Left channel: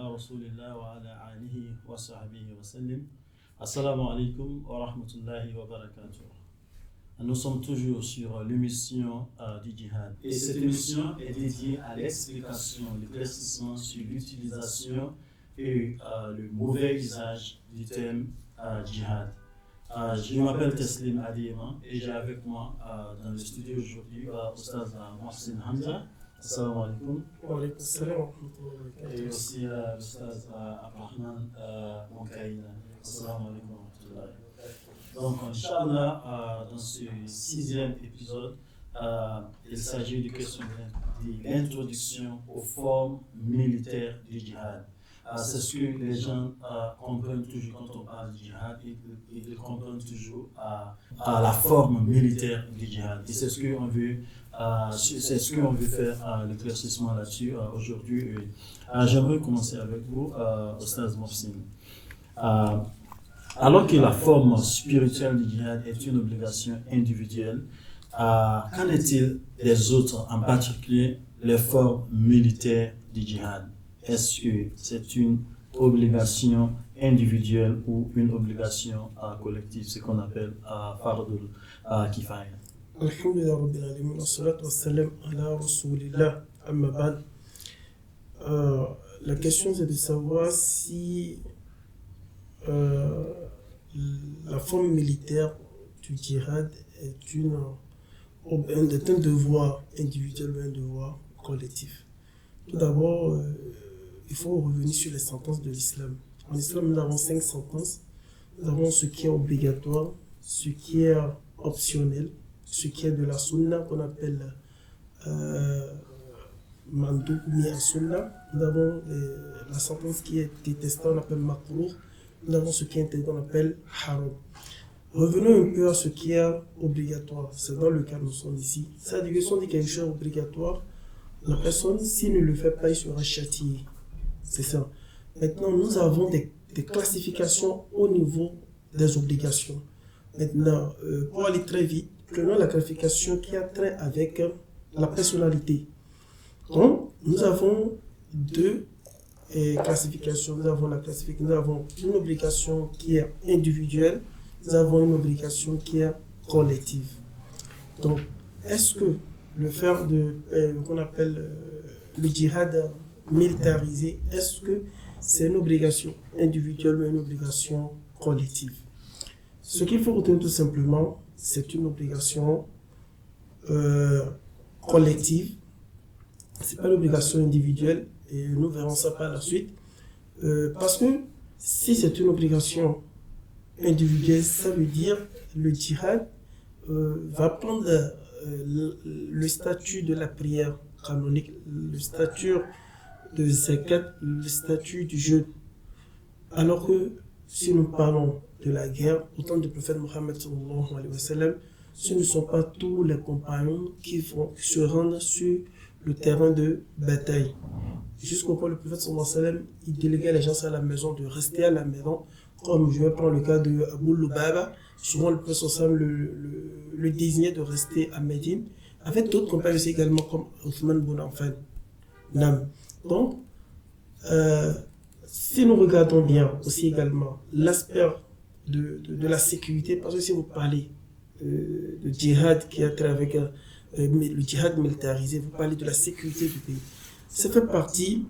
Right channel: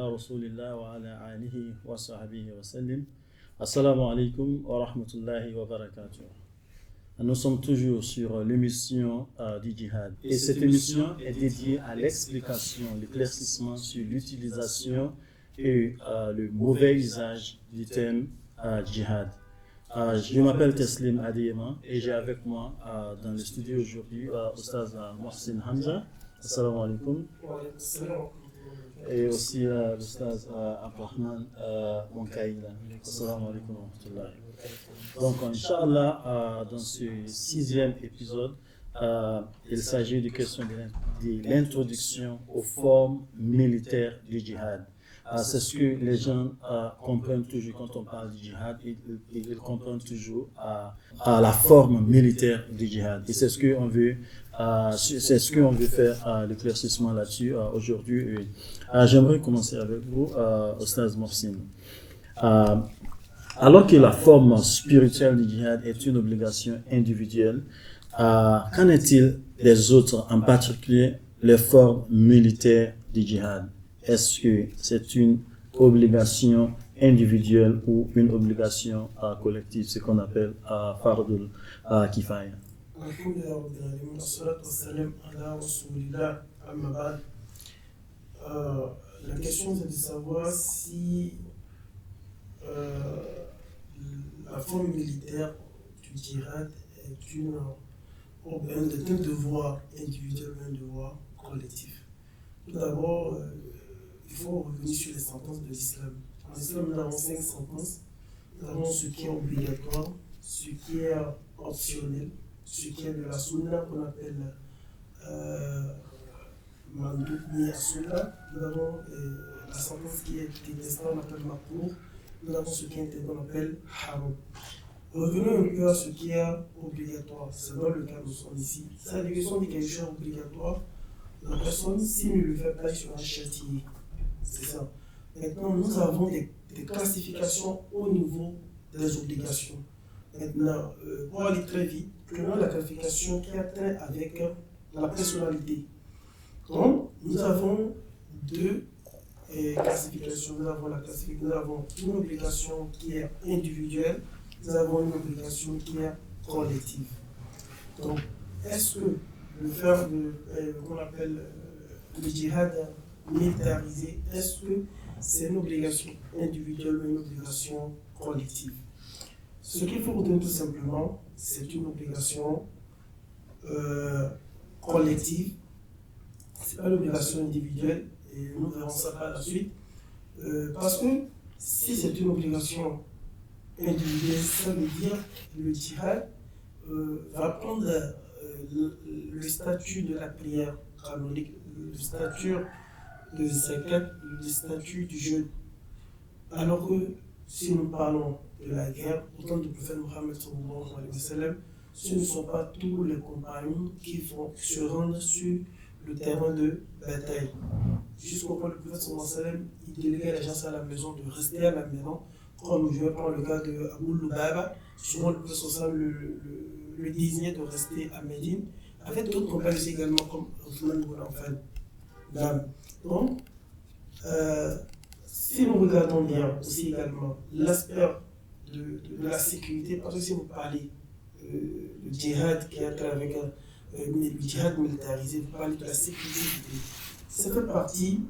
على رسول الله وعلى آله وصحبه وسلم. Assalamu alaikum wa rahmatullahi wa barakatuh. Nous sommes toujours sur l'émission du djihad. Et cette émission est dédiée à l'explication, l'éclaircissement sur l'utilisation et le mauvais usage du terme djihad. Je m'appelle Teslim Adiyema et j'ai avec moi dans le studio aujourd'hui Oustaz Mohsin Hamza. Assalamu alaikum. Et aussi l'Oustaz Abdurrahman Monkaïla. Assalamu alaikum wa rahmatullahi. Donc, Inch'Allah, dans ce 6e épisode, il s'agit de question de l'introduction aux formes militaires du djihad. C'est ce que les gens comprennent toujours quand on parle du djihad, ils comprennent toujours à la forme militaire du djihad. Et c'est ce qu'on veut, faire l'éclaircissement là-dessus aujourd'hui. J'aimerais commencer avec vous, Oustaz Mohsin. Alors que la forme spirituelle du djihad est une obligation individuelle, qu'en est-il des autres, en particulier les formes militaires du djihad? Est-ce que c'est une obligation individuelle ou une obligation collective, ce qu'on appelle fardul kifaya? Alhamdulillah Rabbil Alamin, wassalatu wassalam ala rasulillah, amma ba'd. La question c'est de savoir si la forme militaire du djihad est un devoir individuel ou un devoir collectif. Tout d'abord, il faut revenir sur les sentences de l'islam. En islam, nous avons 5 sentences. Nous avons ce qui est obligatoire, ce qui est optionnel, ce qui est de la sunna qu'on appelle mandoub mi sunna. Nous avons la sentence qui est détestée, on appelle makruh. Nous avons ce qui est interdit, on appelle haram. Revenons un peu à ce qui est obligatoire. C'est dans le cas où nous sommes ici. C'est-à-dire que si on dit quelque chose obligatoire, la personne, s'il ne le fait pas, il sera châtié. C'est ça. Maintenant, nous avons des classifications au niveau des obligations. Maintenant, pour aller très vite, prenons la classification qui a trait avec la personnalité. Donc, nous avons 2 classifications. Nous avons une obligation qui est individuelle, nous avons une obligation qui est collective. Donc, est-ce que le faire qu'on appelle le djihad militarisé, est-ce que c'est une obligation individuelle ou une obligation collective? Ce qu'il faut retenir tout simplement, c'est une obligation collective. Ce n'est pas l'obligation individuelle et nous verrons ça par la suite. Parce que si c'est une obligation individuelle, ça veut dire que le djihad va prendre le statut de la prière canonique, le statut de zakat, le statut du jeûne. Alors que si nous parlons de la guerre, au temps du prophète Mohammed sallallahu alayhi wa sallam, ce ne sont pas tous les compagnons qui se rendre sur le terrain de bataille. Jusqu'au point où le prophète sallallahu alayhi wa sallam, il déléguait les gens à la maison de rester à la maison, comme je vais prendre le cas de Abu Lubaba. Souvent le prophète sallallahu alayhi wa sallam le désignait de rester à Médine, avec d'autres compagnons aussi également comme Othman ibn Affan. Donc, si nous regardons bien aussi également l'aspect de la sécurité, parce que si vous parlez de djihad qui a trait avec le djihad militarisé, vous parlez de la sécurité du pays. Ça fait partie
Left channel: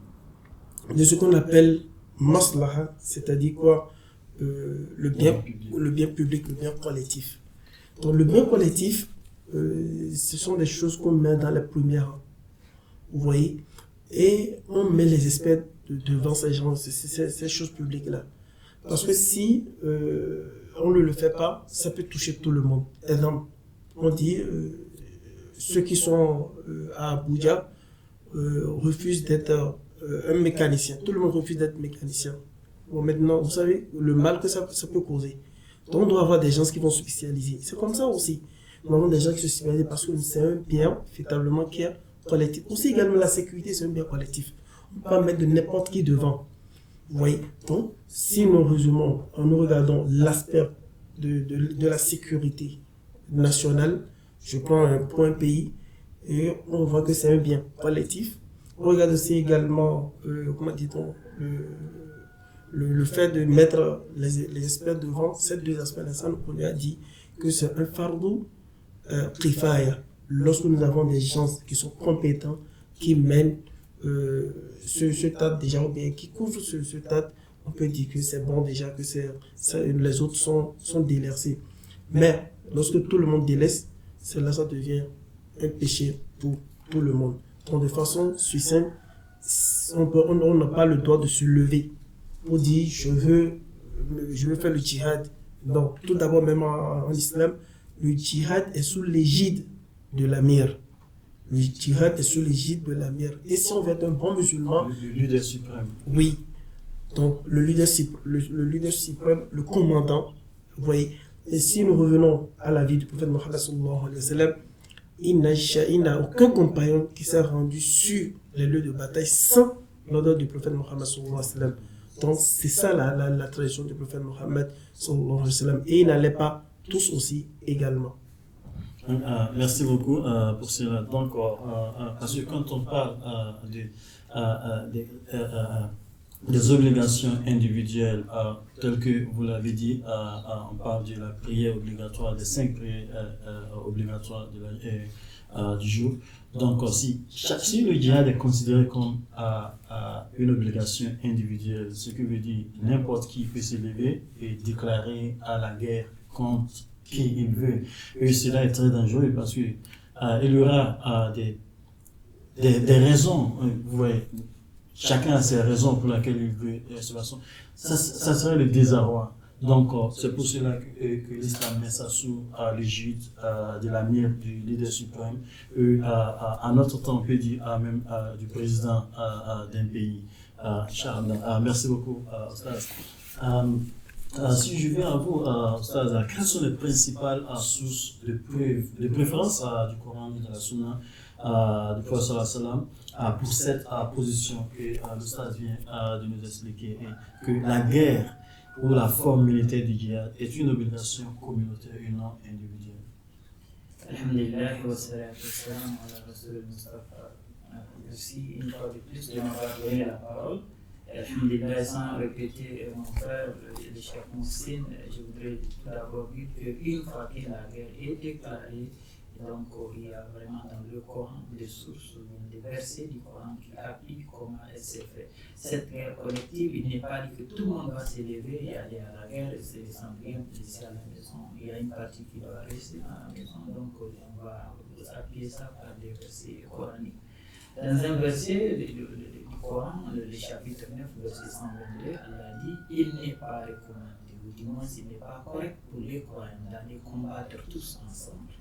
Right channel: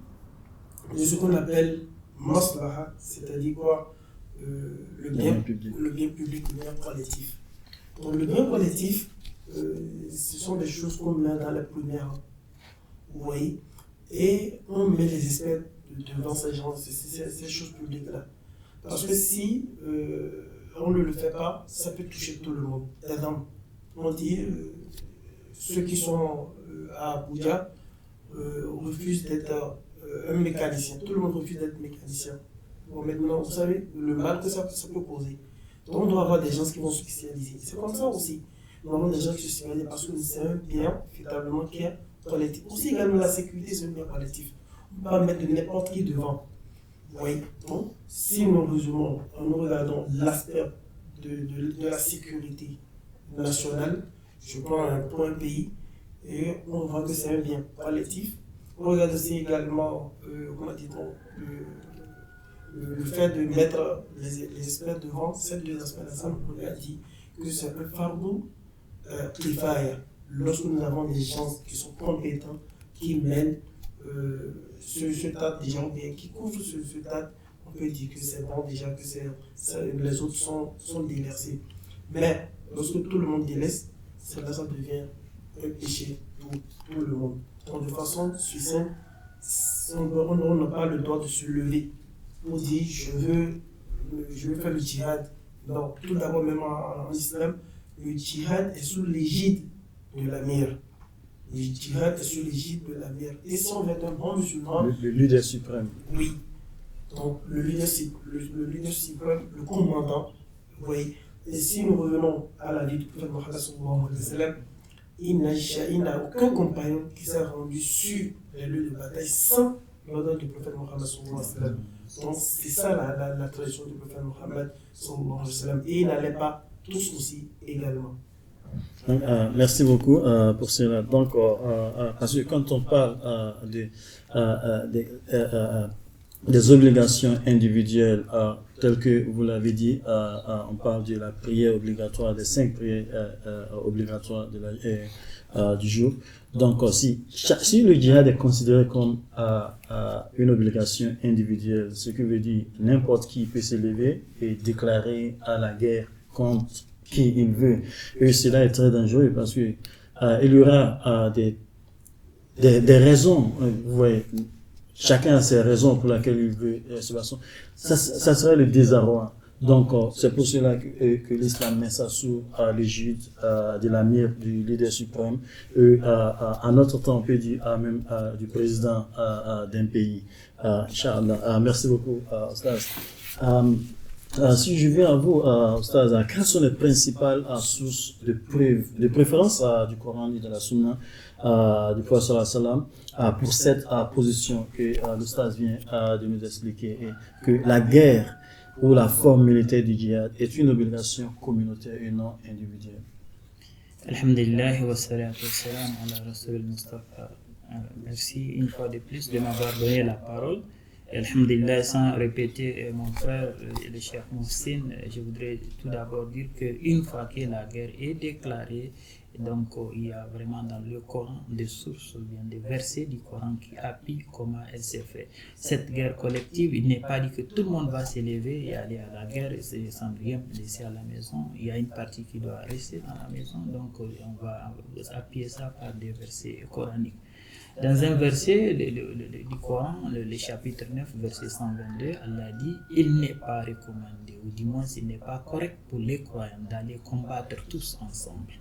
de ce qu'on appelle maslaha, c'est-à-dire quoi, le bien public, le bien collectif. Donc le bien collectif, ce sont des choses qu'on met dans les premiers rangs, vous voyez, et on met les experts devant ces choses publiques-là. Parce que si on ne le fait pas, ça peut toucher tout le monde. Exemple, on dit ceux qui sont à Abuja refusent d'être un mécanicien. Tout le monde refuse d'être mécanicien. Bon, maintenant, vous savez le mal que ça peut causer. Donc on doit avoir des gens qui vont se spécialiser. C'est comme ça aussi. Nous avons des gens qui se spécialisent parce que c'est un bien, véritablement, qui est collectif. Aussi également la sécurité, c'est un bien collectif. On ne peut pas mettre de n'importe qui devant. Vous voyez. Donc, si nous résumons, en nous regardant l'aspect de la sécurité nationale, je prends un pays et on voit que c'est un bien collectif. On regarde aussi également, comment dit-on, le fait de mettre les experts devant ces deux aspects-là. Ça, on a dit que c'est un fardeau kifaya. Lorsque nous avons des gens qui sont compétents, qui mènent ce tas déjà, ou bien qui couvrent ce tas, on peut dire que c'est bon déjà, que les autres sont délaissés. Mais lorsque tout le monde délaisse, cela ça devient un péché pour tout le monde. Donc de façon succincte, on n'a pas le droit de se lever pour dire je veux faire le djihad. Donc tout d'abord, même en islam, le djihad est sous l'égide de l'amir. Le djihad est sous l'égide de l'amir. Et si on veut être un bon musulman, le leader suprême. Oui. Donc le leader suprême, le commandant, vous voyez. Et si nous revenons à la vie du prophète Mohammed sallallahu alayhi wa sallam, il n'a aucun compagnon qui s'est rendu sur les lieux de bataille sans l'ordre du prophète Mohammed sallallahu alayhi wa sallam. Donc c'est ça la tradition du prophète Mohammed sallallahu alayhi wa sallam. Et ils n'allaient pas tous aussi également. Merci beaucoup pour cela. Donc, parce que quand on parle des obligations individuelles, telles que vous l'avez dit, on parle de la prière obligatoire, des 5 prières obligatoires du jour. Donc, si le djihad est considéré comme une obligation individuelle, ce qui veut dire n'importe qui peut s'élever et déclarer à la guerre contre qui il veut. Et cela est très dangereux parce que il y aura des raisons, vous voyez, chacun a ses raisons pour lesquelles il veut se battre. Ça serait le désarroi. Donc, c'est pour cela que l'islam met ça sous l'égide de l'amir, du leader suprême, à notre temps, on peut dire même du président d'un pays. Inch'Allah. Merci beaucoup, Ostaz. Si je viens à vous, Ostaz, quelles sont les principales sources de preuves, de préférence du Coran et de la Sunna du Prophète sallallahu alayhi wa sallam pour cette position que l'Ostaz vient de nous expliquer, et que la guerre ou la forme militaire du djihad est une obligation communautaire et non individuelle. Alhamdulillah wa salatu wa salam ala Rasul Mustafa. Merci une fois de plus de m'avoir donné la parole. Alhamdulillah, sans répéter mon frère, le chef Moussine, je voudrais tout d'abord dire qu'une fois que la guerre est déclarée, donc il y a vraiment dans le Coran des sources, des versets du Coran qui appuient comment elle s'est faite. Cette guerre collective, il n'est pas dit que tout le monde va s'élever et aller à la guerre sans rien laisser à la maison. Il y a une partie qui doit rester à la maison, donc on va appuyer ça par des versets coraniques. Dans un verset du Coran, le chapitre 9, verset 122, Allah dit « Il n'est pas recommandé, ou du moins il n'est pas correct pour les croyants d'aller combattre tous ensemble. »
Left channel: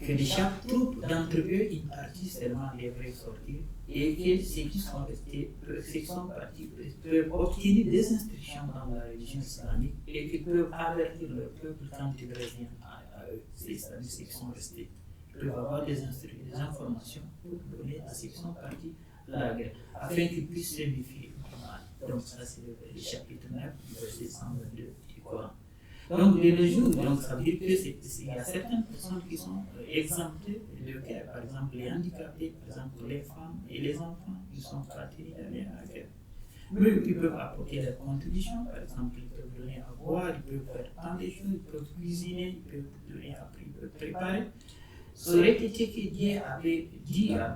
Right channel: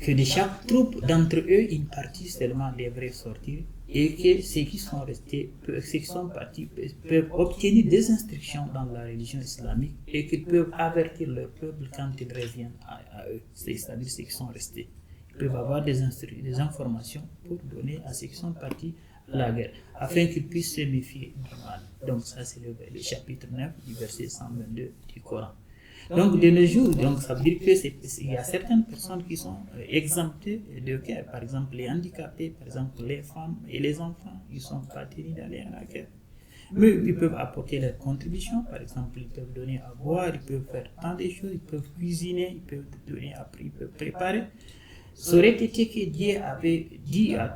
Que de chaque troupe d'entre eux, une partie seulement devrait sortir, et que ceux qui sont restés, ceux qui sont partis, peuvent obtenir des instructions dans la religion islamique et qu'ils peuvent avertir leur peuple quand ils reviennent à eux, c'est-à-dire ceux qui sont restés. Ils peuvent avoir des informations pour donner à ceux qui sont partis à la guerre, afin qu'ils puissent se méfier du mal. Donc ça c'est le chapitre 9 du verset 122 du Coran. Donc de nos jours, donc, ça veut dire qu'il y a certaines personnes qui sont exemptées de guerre, par exemple les handicapés, par exemple les femmes et les enfants, ils sont pas tenus d'aller à la guerre. Mais ils peuvent apporter leur contribution, par exemple ils peuvent donner à boire, ils peuvent faire tant de choses, ils peuvent cuisiner, ils peuvent donner à prix, ils peuvent préparer. Ça aurait été que Dieu avait dit, a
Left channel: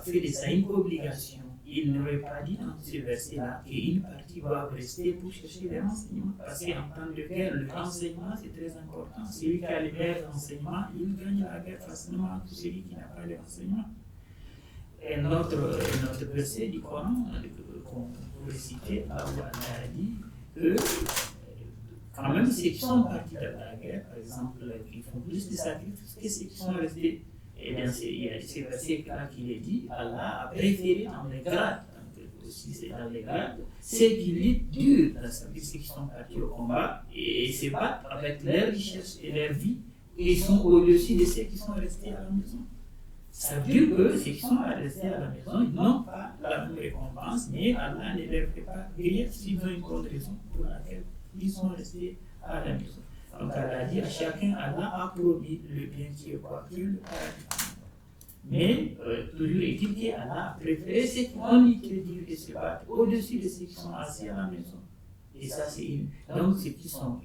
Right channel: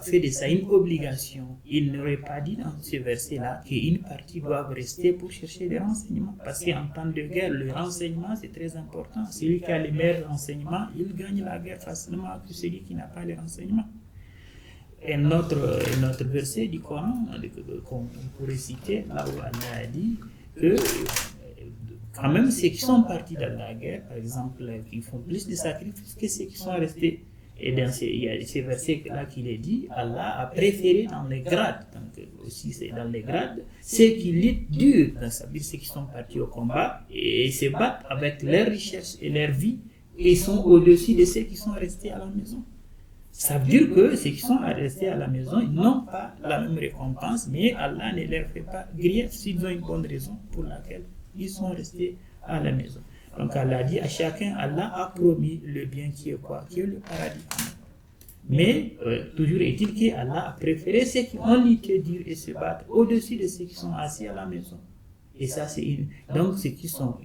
fait de ça une obligation. Il n'aurait pas dit dans ce verset-là qu'une partie va rester pour chercher des renseignements. Parce qu'en temps de guerre, le renseignement c'est très important. Celui qui a les meilleurs renseignements, il gagne la guerre facilement que celui qui n'a pas les renseignements. Et notre verset du Coran, qu'on pourrait citer, là où Allah a dit que quand même ceux qui sont partis dans la guerre, par exemple, qui font plus de sacrifices que ceux qui sont restés. Et il y a ces versets-là qu'il est dit, Allah a préféré dans les grades, donc aussi c'est dans les grades, ceux qui luttent dur, c'est-à-dire ceux qui sont partis au combat et se battent avec leur richesse et leur vie, et sont au-dessus de ceux qui sont restés à la maison. Ça veut dire que ceux qui sont restés à la maison, ils n'ont pas la même récompense, mais Allah ne leur fait pas grief s'ils ont une bonne raison pour laquelle ils sont restés à la maison. Donc Allah dit à chacun, Allah a promis le bien qui est quoi? Qui est le paradis. Mais toujours est-il qu'Allah a préféré ceux qui ont lutté dur et se battent au-dessus de ceux qui sont assis à la maison. Et ça, c'est donc ceux qui ils ont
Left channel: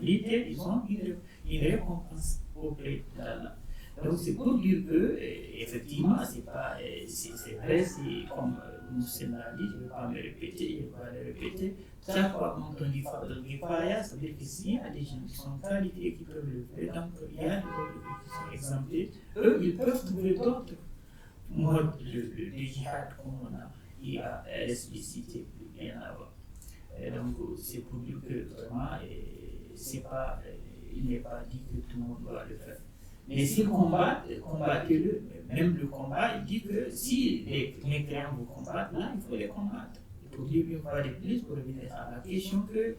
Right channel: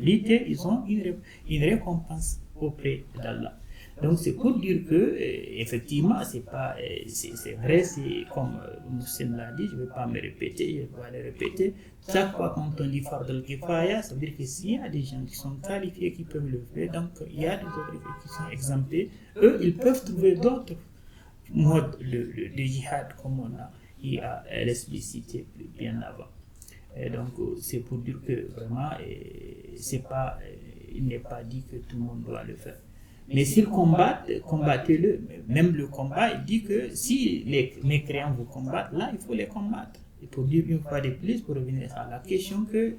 lutté, ils ont une récompense auprès d'Allah. Donc c'est pour dire que effectivement c'est vrai, c'est comme Moussine l'a dit, je ne vais pas me répéter, je vais pas le répéter. Chaque fois quand on dit Fard al-Kifaya, ça veut dire que s'il y a des gens qui sont qualifiés qui peuvent le faire, donc il y a des autres qui sont exemptés, eux ils peuvent trouver d'autres modes de djihad comme on a explicité bien avant. Et donc c'est pour dire que vraiment il n'est pas dit que tout le monde doit le faire. Mais s'ils combattent, combattez-le. Même le combat, il dit que si les mécréants vous combattent, là, il faut les combattre. Il faut dire une fois de plus, pour revenir à la question, que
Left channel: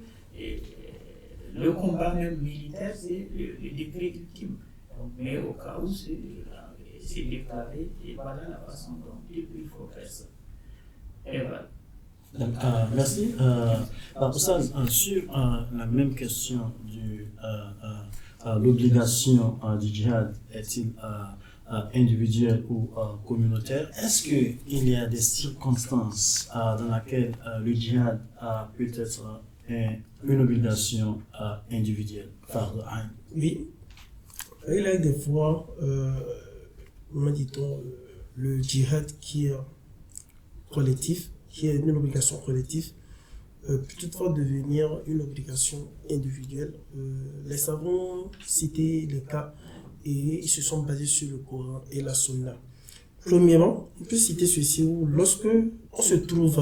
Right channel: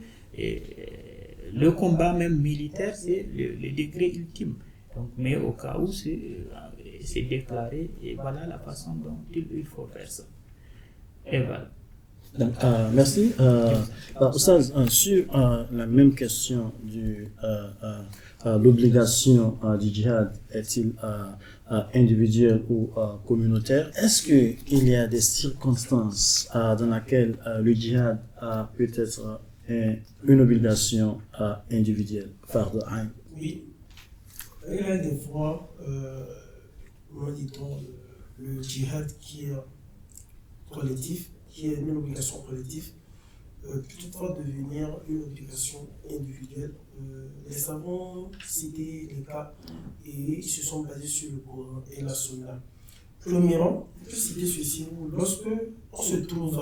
le combat même militaire, c'est le degré ultime. Donc, mais au cas où c'est déclaré, et voilà la façon dont il faut faire ça. Et voilà. Donc, merci. Oustaz, sur la même question l'obligation du djihad est-il individuelle ou communautaire? Est-ce qu'il y a des circonstances dans lesquelles le djihad peut être une obligation individuelle? Oui, il y a des fois, comment dit-on, le djihad qui est collectif, qui est une obligation collective, peut toutefois devenir une obligation individuelle. Les savants citaient les cas et ils se sont basés sur le Coran et la Sunna. Premièrement, on peut citer ceci où lorsque on se trouve,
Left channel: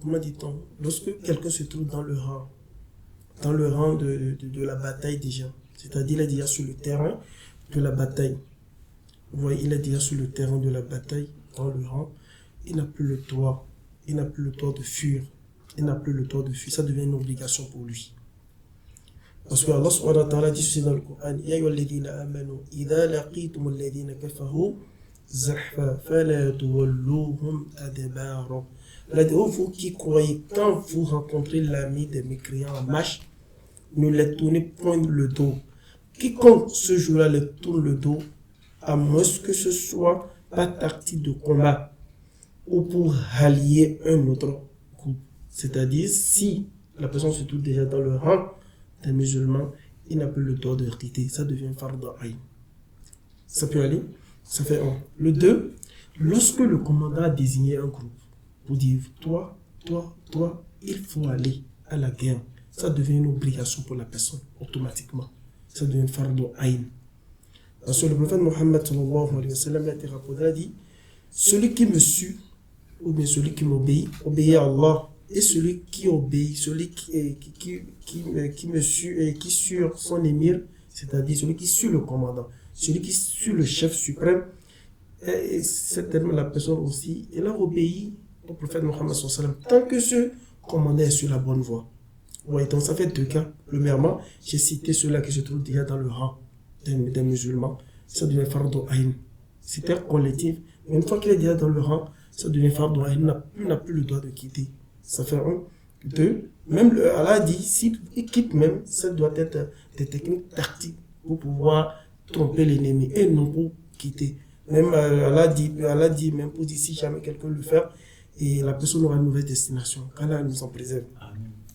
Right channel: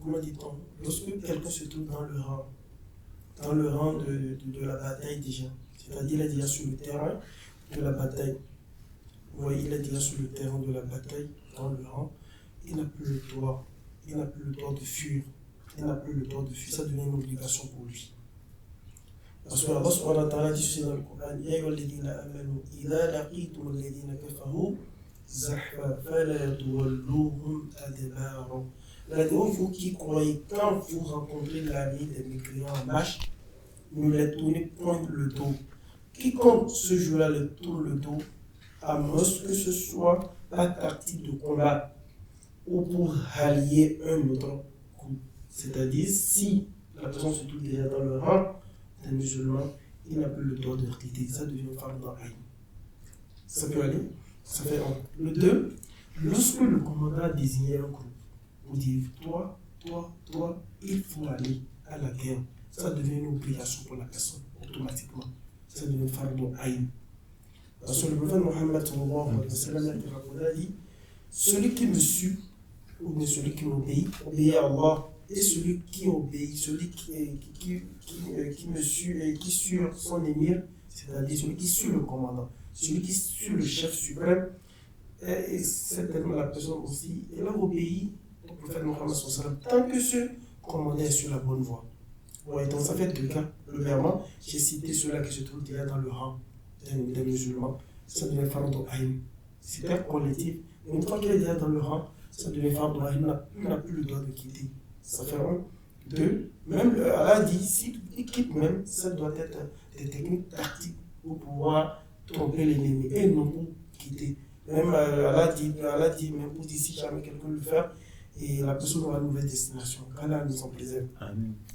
comment dit-on, lorsque quelqu'un se trouve dans le rang de la bataille déjà, c'est-à-dire il est déjà sur le terrain de la bataille. Vous voyez, il est déjà sur le terrain de la bataille, dans le rang, il n'a plus le droit de fuir. Il n'a plus le droit de fuir, ça devient une obligation pour lui. Parce que Allah subhanahu wa ta'ala dit ceci dans le Coran: Ya ayyuhalladhina amanu idha laqitum alladhina kafaru zahfa fala tuwalluhum adbara. Vous qui croyez, quand vous rencontrez l'ami des mécréants en marche, ne les tournez point le dos. Quiconque ce jour-là les tourne le dos, à moins que ce soit par tactique de combat ou pour rallier un autre groupe. C'est-à-dire, si la personne se trouve déjà dans le rang des musulmans, il n'a plus le droit de quitter. Ça devient fardu ayn. Ça peut aller. Ça fait un. Le 2, lorsque le commandant a désigné un groupe pour dire toi, il faut aller à la guerre, ça devient une obligation pour la personne automatiquement. Ça devient fardu ayn. Parce que le prophète Mohammed sallallahu alayhi wa sallam a dit: celui qui me suit ou bien celui qui m'obéit, obéit à Allah. Et celui qui obéit, celui qui me suit et qui suit son émir, c'est-à-dire celui qui suit le commandant, celui qui suit le chef suprême, et certainement la personne aussi, elle a obéi au prophète Mohammed sallallahu alayhi wa sallam, tant que ce commandant est sur la bonne voie. Ouais, donc ça fait 2 cas. Premièrement, j'ai cité ceux-là qui se trouvent déjà dans le rang des musulmans, ça devient fardu ayn. C'est un collectif. Une fois qu'il est déjà dans le rang, ça devient fardu ayn, il n'a plus le droit de quitter. Ça fait 1. 2. Même Allah dit, s'il quitte même, ça doit être des techniques tactiques pour pouvoir tromper l'ennemi et non pour quitter. Même Allah dit même pour dire si jamais quelqu'un le fait, et la personne aura une mauvaise destination. Allah nous en préserve.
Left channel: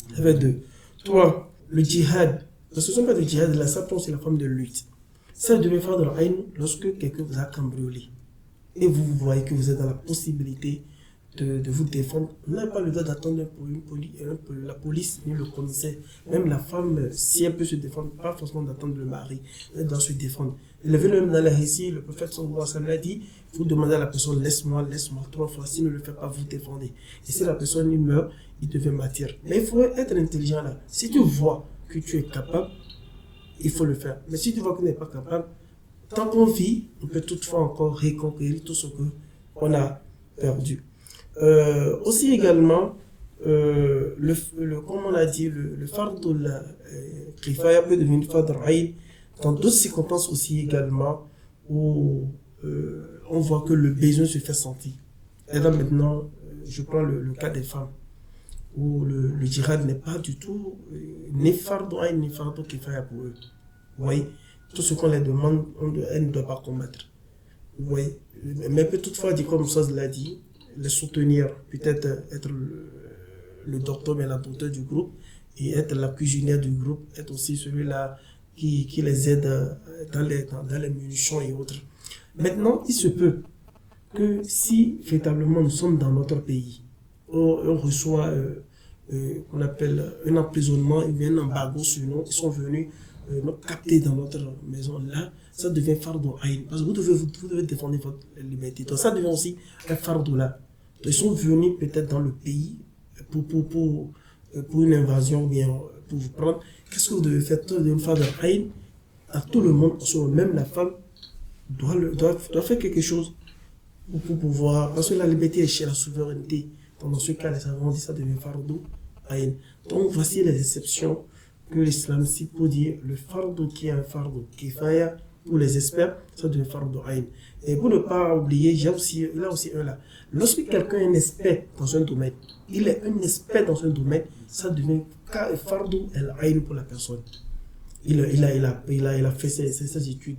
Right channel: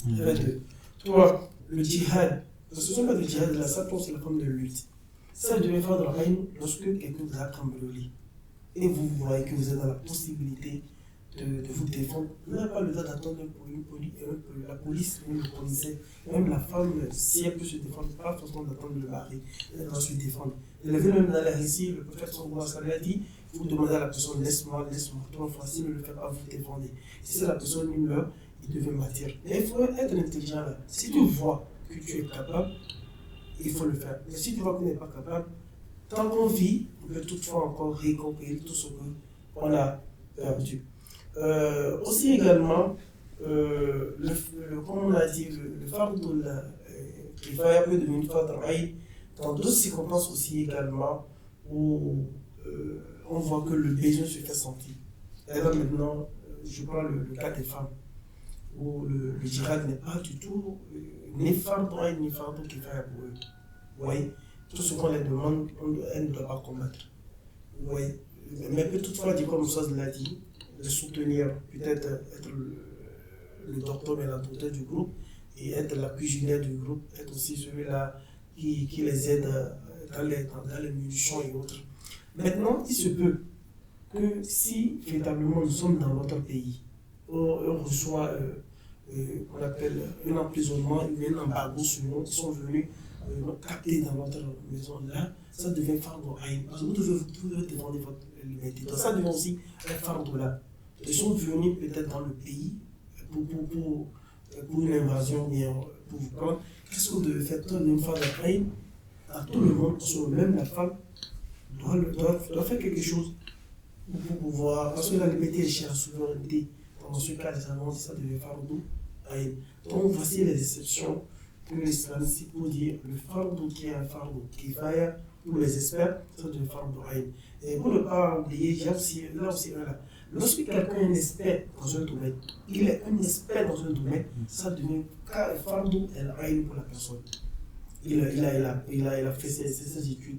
Ça fait 2. 3. Le djihad. Ce ne sont pas le djihad, là, ça c'est la forme de lutte. Ça devait faire dans lorsque quelqu'un vous a cambriolé et vous voyez que vous êtes dans la possibilité de vous défendre. Vous n'avez pas le droit d'attendre la police ou le commissaire. Même la femme, si elle peut se défendre, pas forcément d'attendre le mari, elle doit se défendre. Il avait même dans la récit, le prophète sallallahu alayhi wa sallam a dit: vous demandez à la personne, laisse-moi 3 fois, s'il ne le fait pas, vous défendez. Et si la personne meurt, il devait mâtir. Mais il faut être intelligent là. Si tu vois que tu es capable, il faut le faire. Mais si tu vois qu'on n'est pas capable, tant qu'on vit, on peut toutefois encore reconquérir tout ce qu'on a perdu. Aussi également, comme on a dit, le fardu kifaya peut devenir fardu ayn dans d'autres circonstances aussi également où on voit que le besoin se fait sentir. Et là maintenant, je prends le cas des femmes où le djihad n'est pas du tout ni fardu ayn ni fardu kifaya pour eux. Vous voyez, tout ce qu'on les demande, elles ne doivent pas combattre. Vous voyez, mais peut toutefois dire, comme ça l'a dit, les soutenir, peut-être être le docteur, mais la docteur du groupe, et être la cuisinière du groupe, être aussi celui-là qui les aide dans les munitions et autres. Maintenant, il se peut que si véritablement nous sommes dans notre pays, on reçoit qu'on appelle un emprisonnement, il y a un embargo sur nous, ils sont venus nous capter dans notre maison, là, ça devient fardeau aïn, parce que vous devez défendre votre liberté. Donc ça devient aussi un fardeau là. Ils sont venus peut-être dans le pays pour une invasion, bien pour vous prendre. Qu'est-ce que vous devez faire? Vous devez faire de aïn à tout le monde, même la femme doit faire quelque chose pour pouvoir, parce que la liberté est chez la souveraineté. Dans ce cas, les savants disent ça devient fardeau aïn. Donc voici les exceptions que l'islam cite pour dire le fardeau qui est un fardeau kifaya pour les experts, ça devient fardeau aïn. Et pour ne pas oublier, il y a aussi un là. Lorsque quelqu'un est un expert dans un domaine, il est un expert dans un domaine, ça devient fardeau aïn pour la personne. Il a fait ses études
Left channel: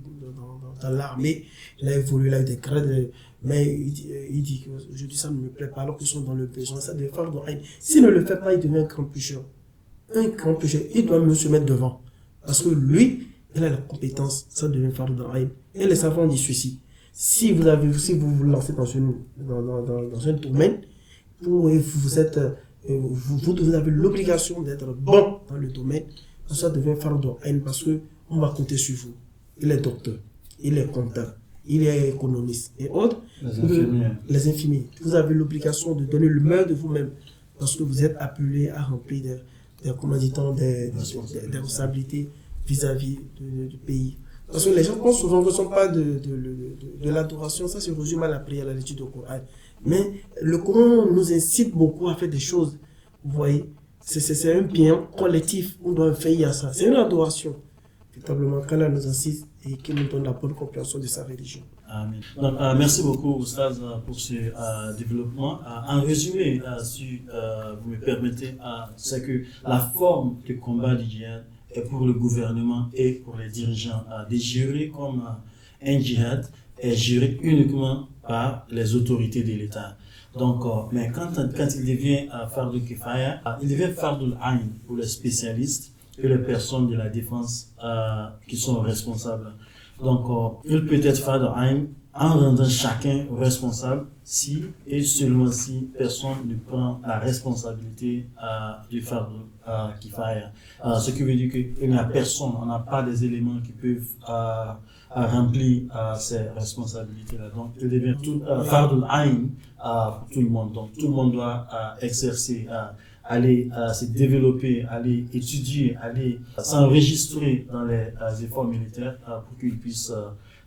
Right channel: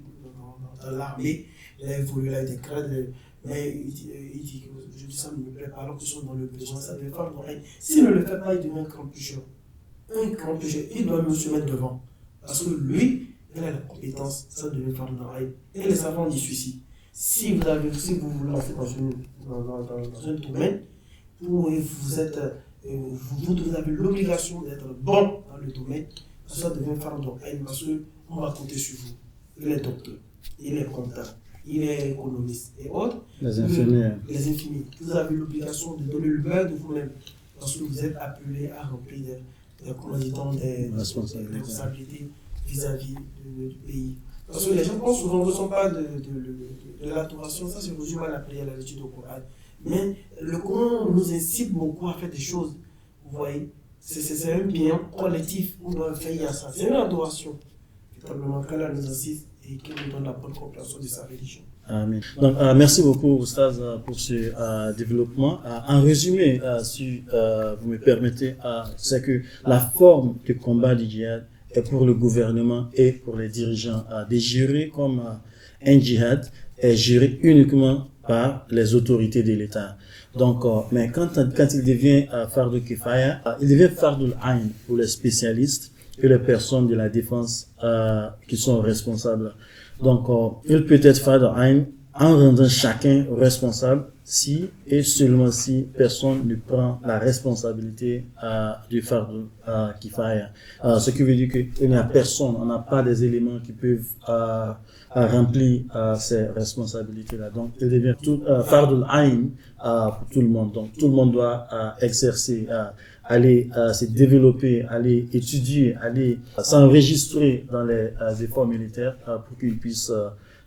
dans l'armée, il a évolué, il a eu des grades, mais il dit que aujourd'hui ça ne me plaît pas, alors qu'ils sont dans le besoin, ça devient fardeau aïn. S'il ne le fait pas, il devient un grand pécheur. Un grand pécheur, il doit me se mettre devant. Parce que lui, il a la compétence, ça devient fardeau aïn. Et les savants disent ceci. Si vous vous lancez dans un domaine où vous avez l'obligation d'être bon dans le domaine, ça devient fardeau aïn parce qu'on va compter sur vous. Il est docteur, il est comptable, il est économiste et autres. Les infirmières. Les infirmiers. Vous avez l'obligation de donner le meilleur de vous-même parce que vous êtes appelé à remplir des responsabilités vis-à-vis du pays. Parce que les gens pensent souvent que ce ne sont pas de l'adoration, ça se résume à la prière, à l'étude du Coran. Mais le Coran nous incite beaucoup à faire des choses. Vous voyez, c'est un bien collectif, on doit veiller à ça. C'est une adoration, véritablement, qu'Allah nous incite et qui nous donne la bonne compréhension de sa religion. Amen. Donc, merci beaucoup, Oustaz, pour ce développement. En résumé, si vous me permettez, c'est que la forme de combat du djihad est pour le gouvernement et pour les dirigeants de gérer comme un djihad est géré uniquement par les autorités de l'État. Donc, mais quand il devient fardeau kifaya, il devient fardeau ayn pour les spécialistes et les personnes de la défense qui sont responsables. Donc, il peut être fardeau ayn en rendant chacun responsable si et seulement si personne ne prend la responsabilité du fardeau kifaya. Ce qui veut dire qu'il n'y a personne, on n'a pas des éléments qui peuvent remplir ces responsabilités-là. Donc, il devient fardeau ayn pour tout le monde. Donc, tout le monde doit exercer, aller se développer, aller étudier, aller s'enregistrer dans les efforts militaires pour qu'ils puissent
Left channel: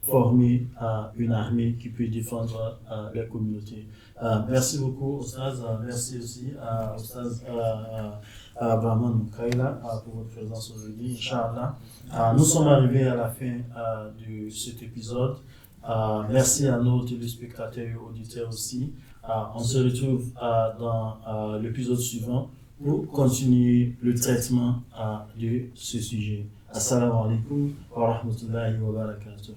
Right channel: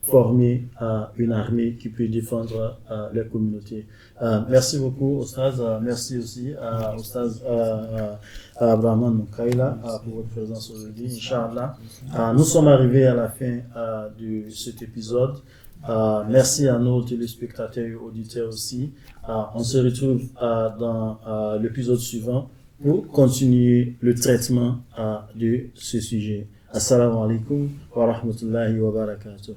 former une armée qui peut défendre les communautés. Merci beaucoup, Oustaz. Merci aussi à Oustaz Abrahman Moukaila pour votre présence aujourd'hui. Inch'Allah. Nous sommes arrivés à la fin de cet épisode. Merci à nos téléspectateurs et auditeurs aussi. On se retrouve dans l'épisode suivant pour continuer le traitement de ce sujet. Assalamu alaikum wa rahmatullahi wa barakatuh.